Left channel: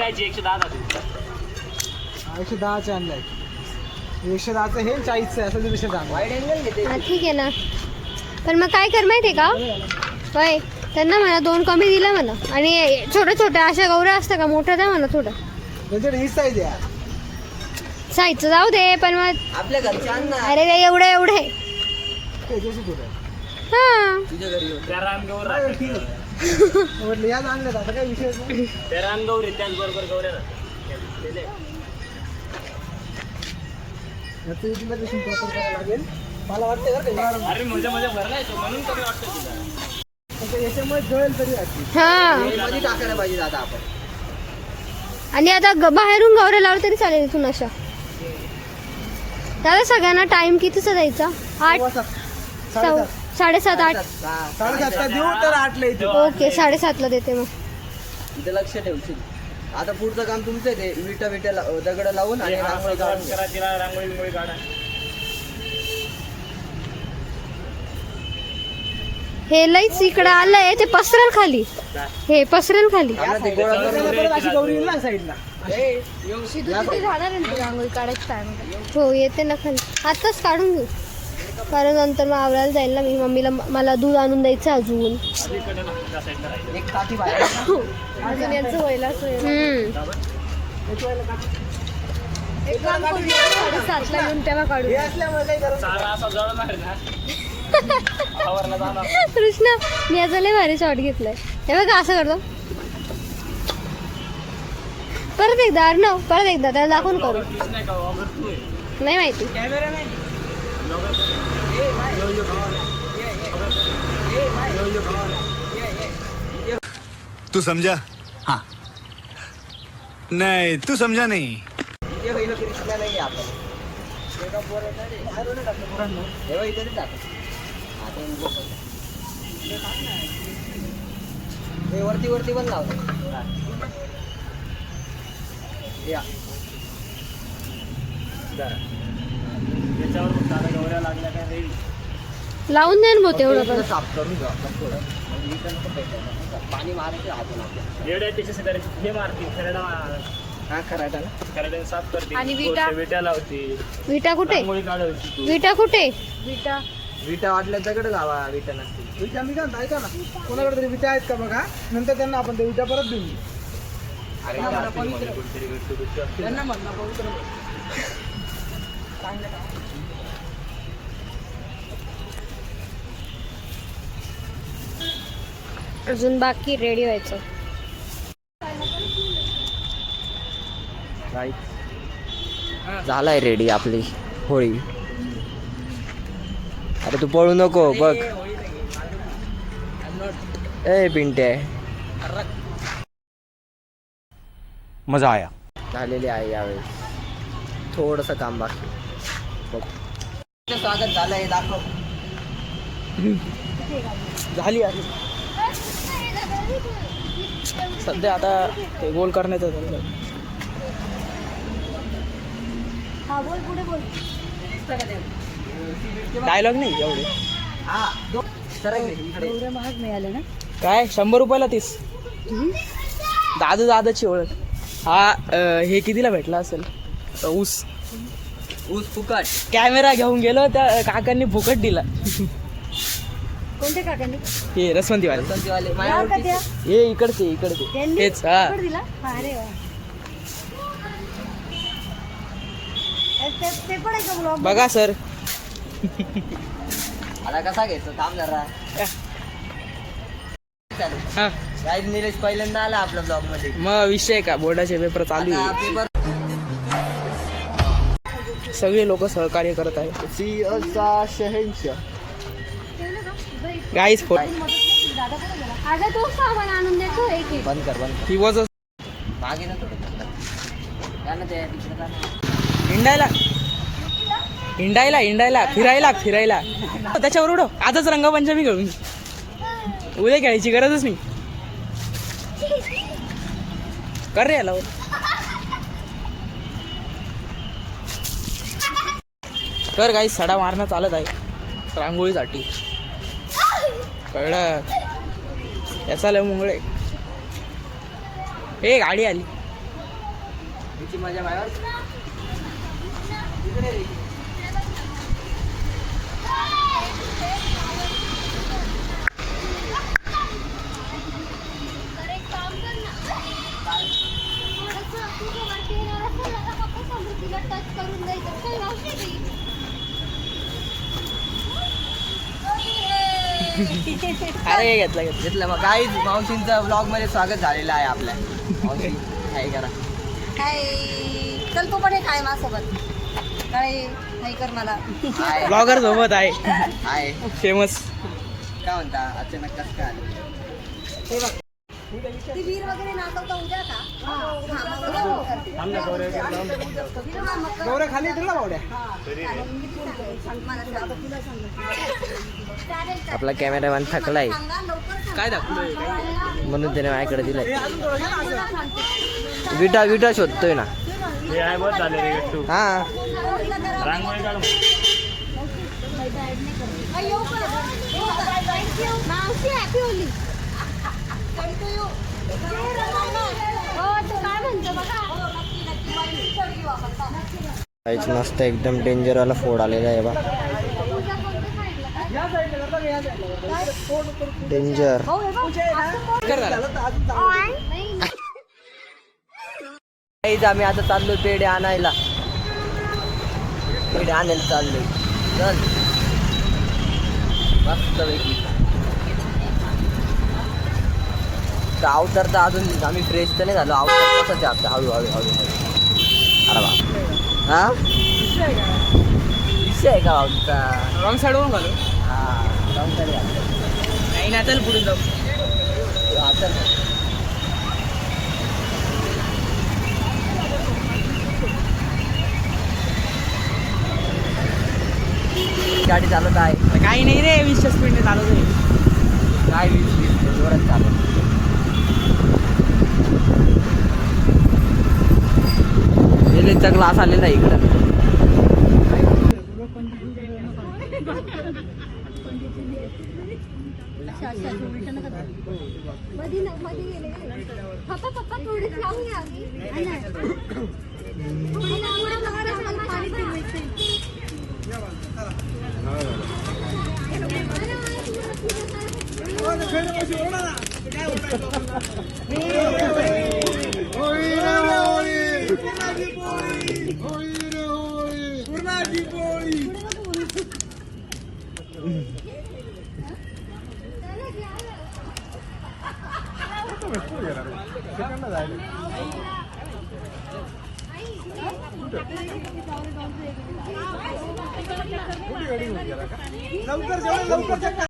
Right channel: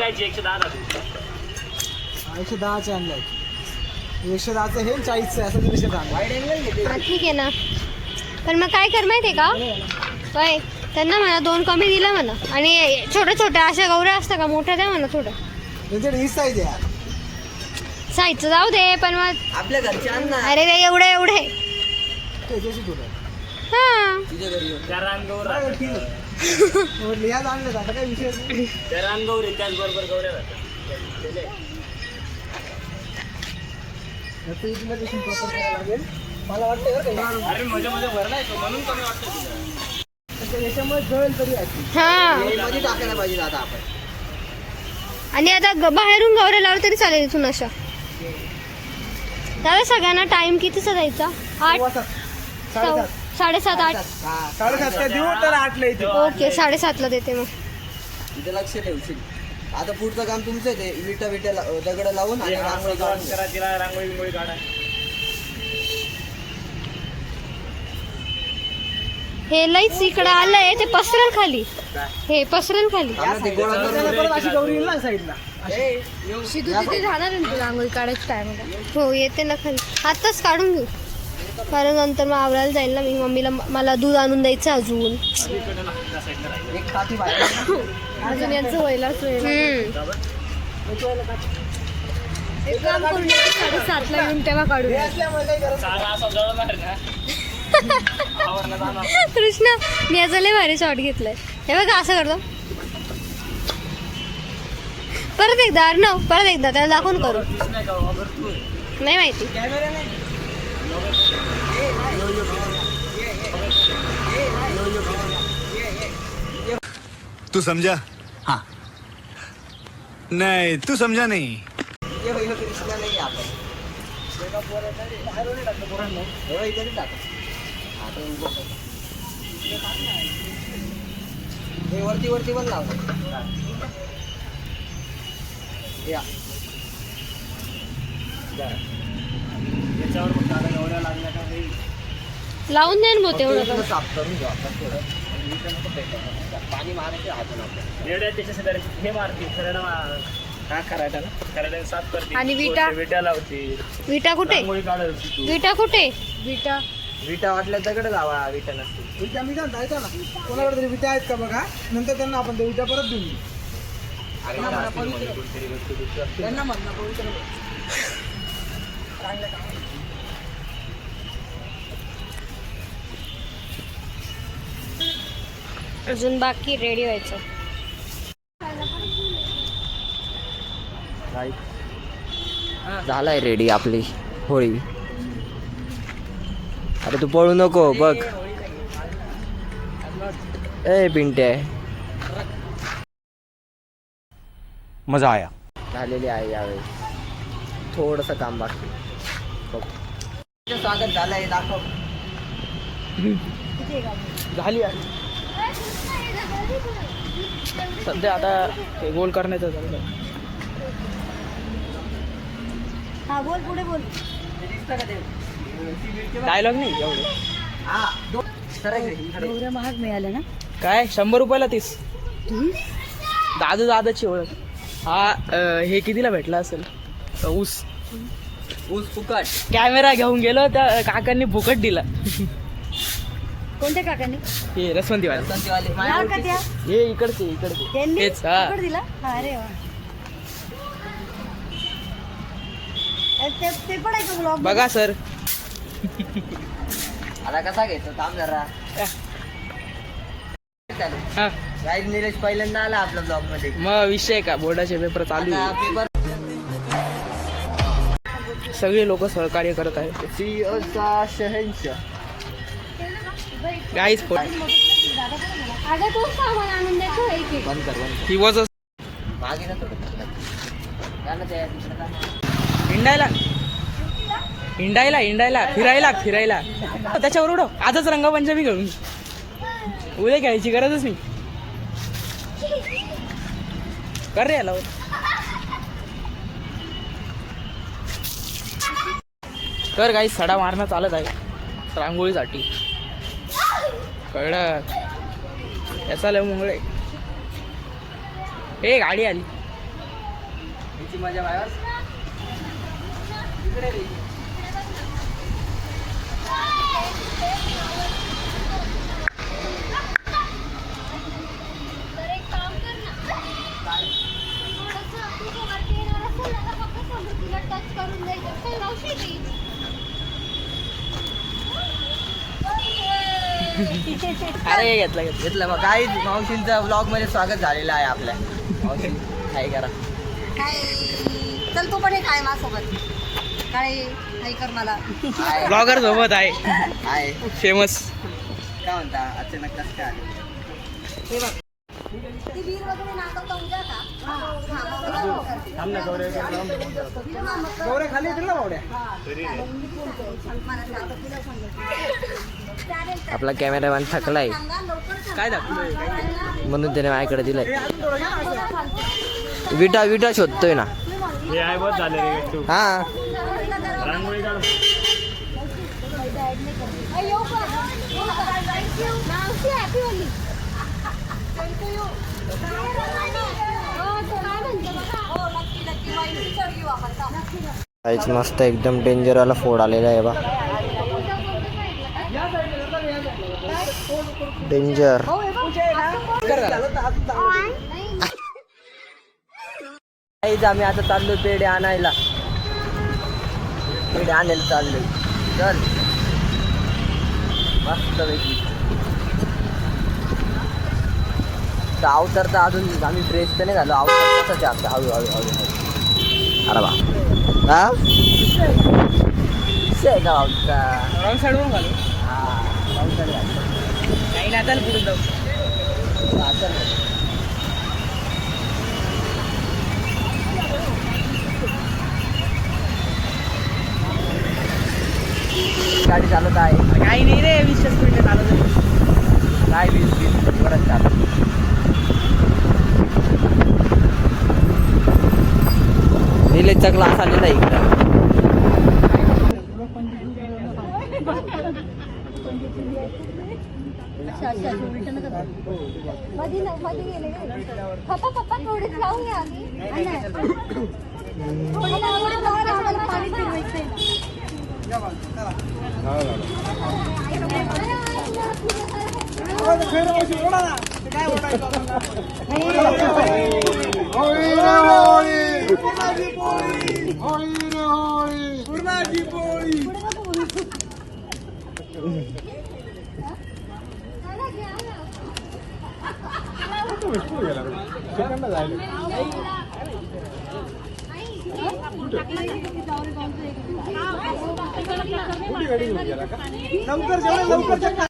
कायची 110 110चे आणलाय. 110चं हे 40चं असं दिवशी ठीक आहे ना. पण मग काय कर माहिती आहे का काय त्यांना म्हणा 2 कमी दिला म्हणा. आणि छोट्या छोट्या अशा गौऱ्या असतात का मोठ्या द्या म्हणा थोड्या. त्यांच्याकडे ही साईज आहे. साईजचं जाऊ दे पण मग आपल्या घरचे अन्न अरे रे एवढे त्याच्याशी थोडं हां तुझ्या घरी त्या रानगौर म्हटलं या आणलं आता काय विषय नाही. त्या रानगौरी त्याचबरोबर गौऱ्या राहतात. प्रॉपर करायला लागेल मला वाटतं. अरे मजा भरला येतो म्हणून कमी वाटतं तुला. याच्यामुळे जळेल तरी असते. हां मध्ये टाकायला पाहिजे आता आपण. आणि आता बाहेरून गौऱ्या लावलं तरी चालेल इथून अशा. दादा सगळ्यांना टाइम कितीचा द्यायचा? 8 7:30 8. 7:30 देऊ तर 8ला येते. ओके 7:30ला देते मग. इथे लक्ष ठेवशील. आता पुढचं काम तुमचं ते विटा दगड लावून आणि रांगोळी काढून रांगोळी काढा. हे लईच इकडं आलंय ते पसरेल खाली. हे पसरेल खाली. रांगोळी काढायची टाइम हो येते ना खाली. आताच काढून घेऊ कारण नंतर मग आवरायला जाईल ना. मी मम्मीला मला दूध आणून द्यायचं अजून. अजून यांचं व्हायलाच 7:30ला येऊन तेव्हा काढू. कृष्णा मी याचा लय भारी शॉट घेतलाय. हे बघा असं करतो. परत एकदा अर्णव परत एकदा त्याला दाखवून करू. नाही माहिती. तू समझा? हाँ नहीं तू समझा नहीं. वरती वरती पण लाव. याच्यावर पण दादा गौऱ्या लागल्या का रे लावून द्या ना तेवढं. साफ करून घेऊ आपण थोडं. पाणी मारायचे हातून आपल्या रेड्या त्याच्या हे मारते खरडा. हा करायचा ना. खरडा साफ करते. आणि विटा लावते. विटा कुठे? रांगोळी काढत तू. विटा कुठे? विटा वाटल्या दगड जावा. विटा नसतील. विटा मी काय ऐका ना कोणाकडे तरी विटा आहेत का बघा. नंतर त्यांना आपण त्या विटा परत देऊन. अरे त्यांना म्हणणं पवित्र अजून बाकी रेडी व्हायचं. झालाय रेडी आपली होळी. अरे तू पळू नको बघ. ए पिंटे मजा आया. झालेली आहे यावेळी. थोडस काम बाकी. बघ स्वागत झालंय दाखव. झाली आहे सध्या आता ते गोल करण्याचं झालं. डायलॉग नाही एवढे. महाग मिळालं ना काय 100 रुपयाला 30. दादाची ओळख. हा हे कितीला भेटला असेल. ऊस फुकट. कॅमेरा घेऊन गेलो त्या काकांनी फुकट दिला. कोणत्या काकांनी? हे रसवंतीवाले. हे इकडचे तेच. हा बघा सर. आता कसा घेतो थांब जरा. निलेश पहिल्यांदा आला आपल्या ब्लॉग मध्ये. मग विषय का बोर्डाचे पेपर चालू आहे. सगळे लोक सहकार्य करत आहेत. गाईज हिंडायला फिरायला त्याच्यावर उडव. आजच रंगपंचमी खेळून उद्या घ्यायची गरजच नाही. कर रे याला. कर काही सडा मारणं चालत आहे रांगोळीसाठी. कळलं याचा लय मुंगळे. हे गाडी आली. याची मजा बाहेर इकडे रे. अरे घेतलं मग काय मावशींचा ब्लॉग मध्ये स्वागत झालेलं आहे आपल्या मावशी काय करा चल तू पण काय माझ्यासोबत काय नाही कर मला ब्लॉगर सोबत आहे फेमस काय म्हणता अचानक कसं काय आले ती वीर वगैरे नाचवता उद्या का गौऱ्या खाली येतील ना बावड्या. आपला कॅमेरामॅन थकलाय काय दाखवतोय म्हणून त्याने माझ्याकडे दिलंय विटा शोधतोय ना हा काहीच मस्त एकदम डेंजर वाला फोड आलेला आहे बा डेंजर आम्ही आता चाललोय पेढे आणायला चाललोय चल मस्त पैकी अवतार तर अजून आम्ही फ्रेश तर नाही झालो अवतार कसाच आहे आपला हळूहळू अरे बा हा विषय आहे का भाऊचा रॉंग साईडवरून घालू हा रॉंग साईड घालतो काही नाही आता पुढे जाऊ आता गाडी चालत आहे काही नाही रे 20 स्पीडने चालवतो काय 20 जोरात चालत निलेशचा क्लास आलेला आहे इकडं मध्ये गेले पप्पा थोडीच लावून घ्या पाणी फिरवायचंय लवकर